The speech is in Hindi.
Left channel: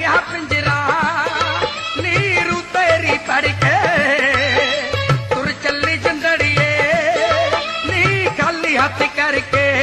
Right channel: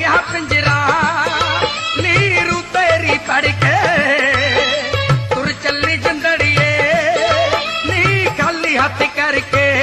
गया पिंजरा नीरू तेरी करके तुर चली जंदड़िए नी खाली हाथ करके